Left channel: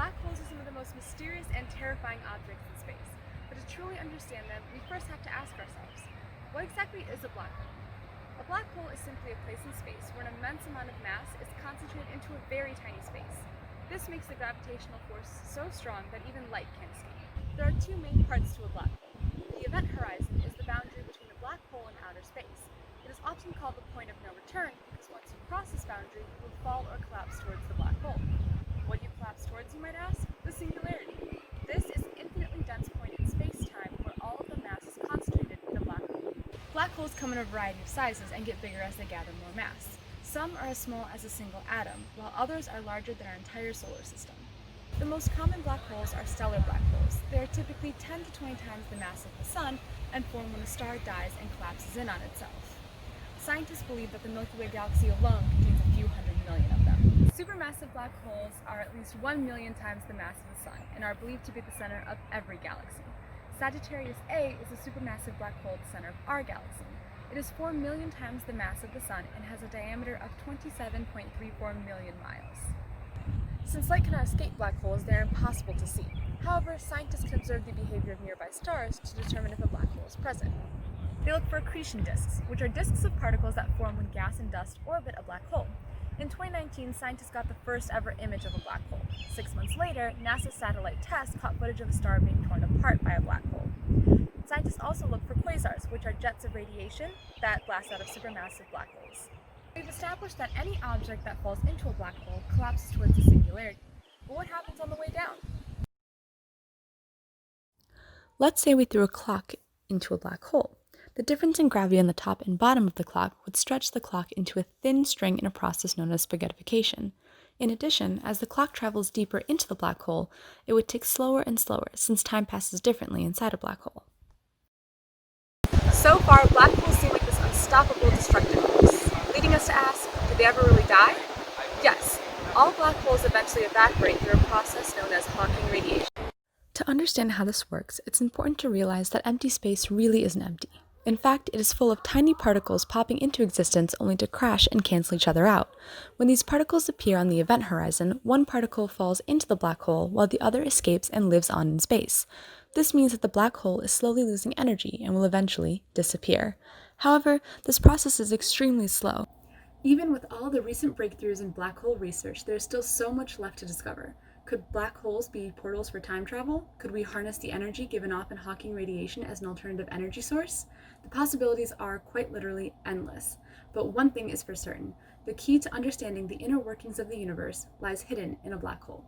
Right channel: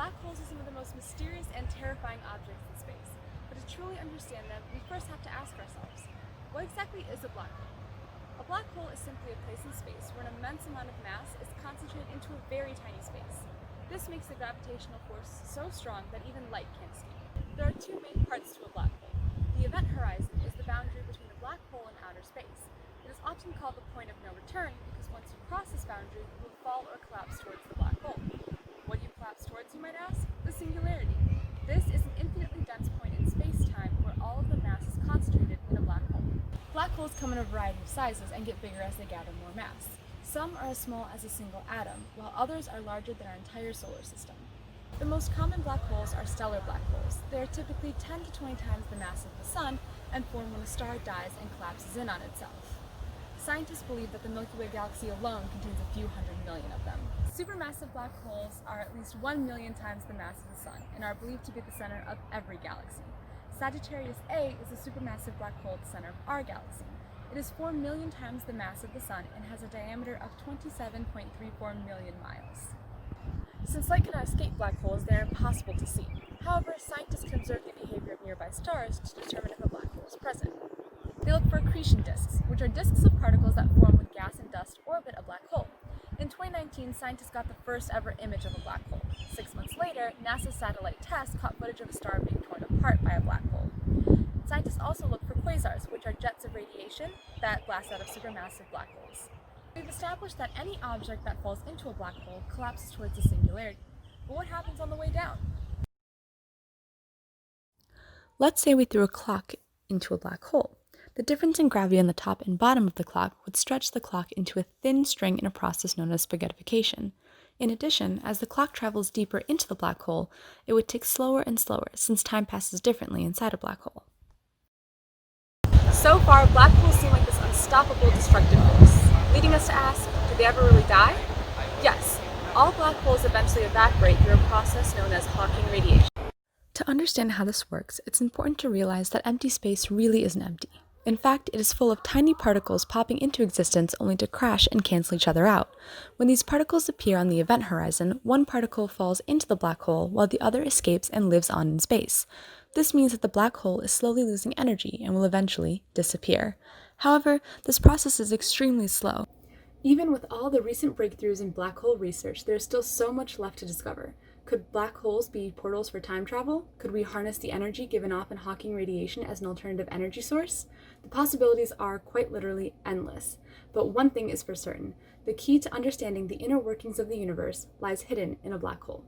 Black holes are some of the most mysterious and terrifying objects in space, but to truly understand them, we first have to ask ourselves, what exactly is a black hole? A black hole is simply a place in space where an immense amount of mass is concentrated into a very tiny space. This makes the gravitational force so strong that even light can't escape. There are two main parts to a black hole. The event horizon is the boundary between the black hole and outer space. It is often called the point of no return because once you cross this boundary, you will fall or collapse towards the black hole. What do you collapse towards, you might ask? The singularity. This is an infinitely dense point in space-time where all of the mass is concentrated in a black hole. Black holes come in a variety of sizes and get bigger as they gather more mass. Some are as small as a single atom, while others are larger than our entire solar system. The most common black holes are stellar black holes. They are typically 10 to 20 times the mass of the Sun and form when a star dies and collapses in on itself. Scientists believe that the Milky Way galaxy alone contains a few hundred million of them. Supermassive black holes are at least 1 million times the mass of the Sun and are believed to be the center of every galaxy. Sagittarius A is a supermassive black hole at the center of our galaxy. It is 4 million times the mass of the Sun and has a diameter of 27.34 million miles. Since light cannot escape black holes, they are impossible to see. However, scientists can observe the behavior of nearby stars to determine if a black hole is present. They look for accretion disks, which are disks of particles that form when gas and dust orbit a black hole. In 2019, scientists got the first ever image of a black hole. 6 months later, NASA's satellite TESS caught footage of a star being torn apart by a black hole. Scientists also look for quasars, which are jets of radiation that blast out of supermassive black holes. We've established that any object that falls into a black hole collapses towards the singularity. But what happens on the way down? Let's say we threw a clock into a black hole. The difference in gravity on the top and bottom of the clock would stretch the clock into a thin string in a process known as spaghettification. In addition, as the clock travels deeper into the black hole, it would tick slower and slower since time passes differently inside a black hole. So far, black holes seem like this unstoppable destructive force, leading us to ask, do they ever really die? Yes, all black holes eventually evaporate through a process known as Hawking radiation. To understand how this works, it's important to realize that empty space really isn't empty. In fact, it is full of tiny particles popping into existence only to crash and cancel each other out. When these particles appear on the event horizon, one particle falls into the black hole while the other escapes and lives on in space. This means that the black hole is slowly losing energy and will eventually disappear. However, this process is extremely slow. Even with all the recent breakthroughs in black hole research, there is still so much left to discover. Could black holes be portals for time travel? Could we harness the energy given off in Hawking radiation as an alternative energy source? The possibilities are quite literally endless. But one thing is for certain: the key to understanding the inner workings of the universe lies hidden in a black hole.